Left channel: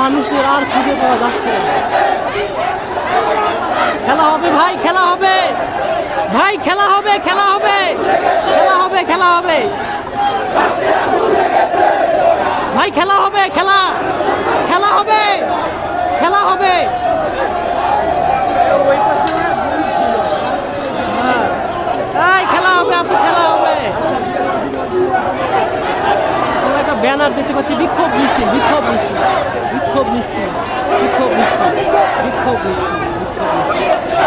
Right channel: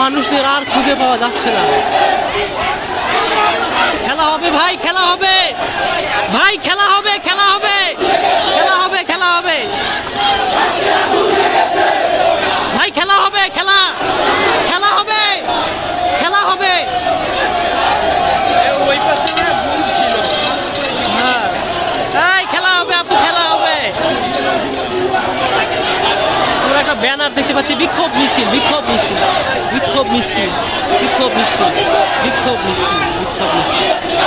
মানুষদের আর খুঁজে পাওয়া যাচ্ছে না। খেলা হবে ভাই, খেলা হবে। ভাই, খেলা হবে খেলা হবে। খেলা হবে খেলা হবে। ভাই, খেলা হবে, খেলা। খেলা হবে খেলা হবে ওই পাশে না গুলি ছিল হ্যাঁ এই খেলা হবে আপু খেলা হবে আমরা একটা ব্যানার দেখতে পাচ্ছি, বিক্ষোভ মিছিল বিক্ষোভ মিছিল বিক্ষোভ মিছিল বিক্ষোভ মিছিল বিক্ষোভ মিছিল বিক্ষোভ মিছিল।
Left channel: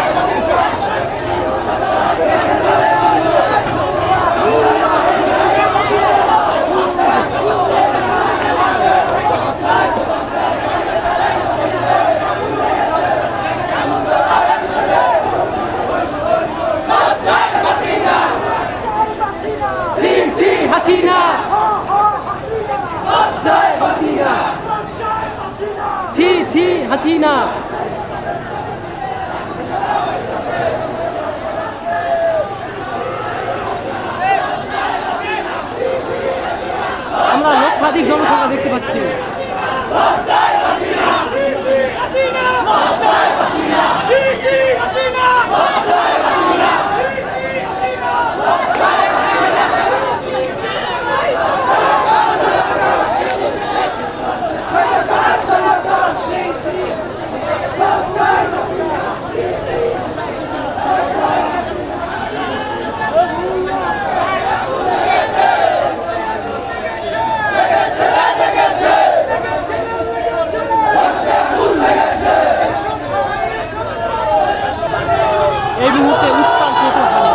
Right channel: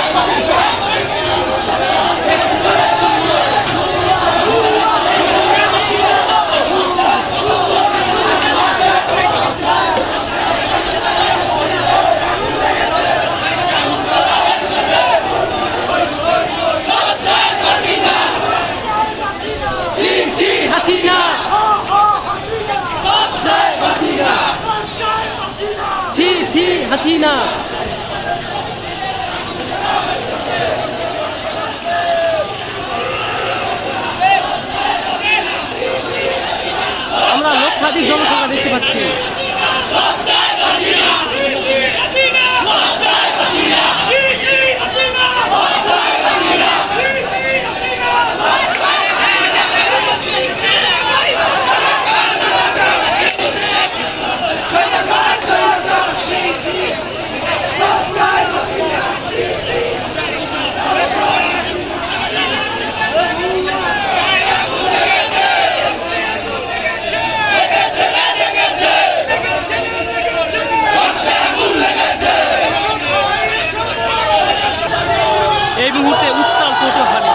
ছি ছি হাসিনা আমরা লক্ষাধিক জনসংখ্যা দেখতে পাচ্ছি। এই মুহূর্তে উত্তাল কোটোখালী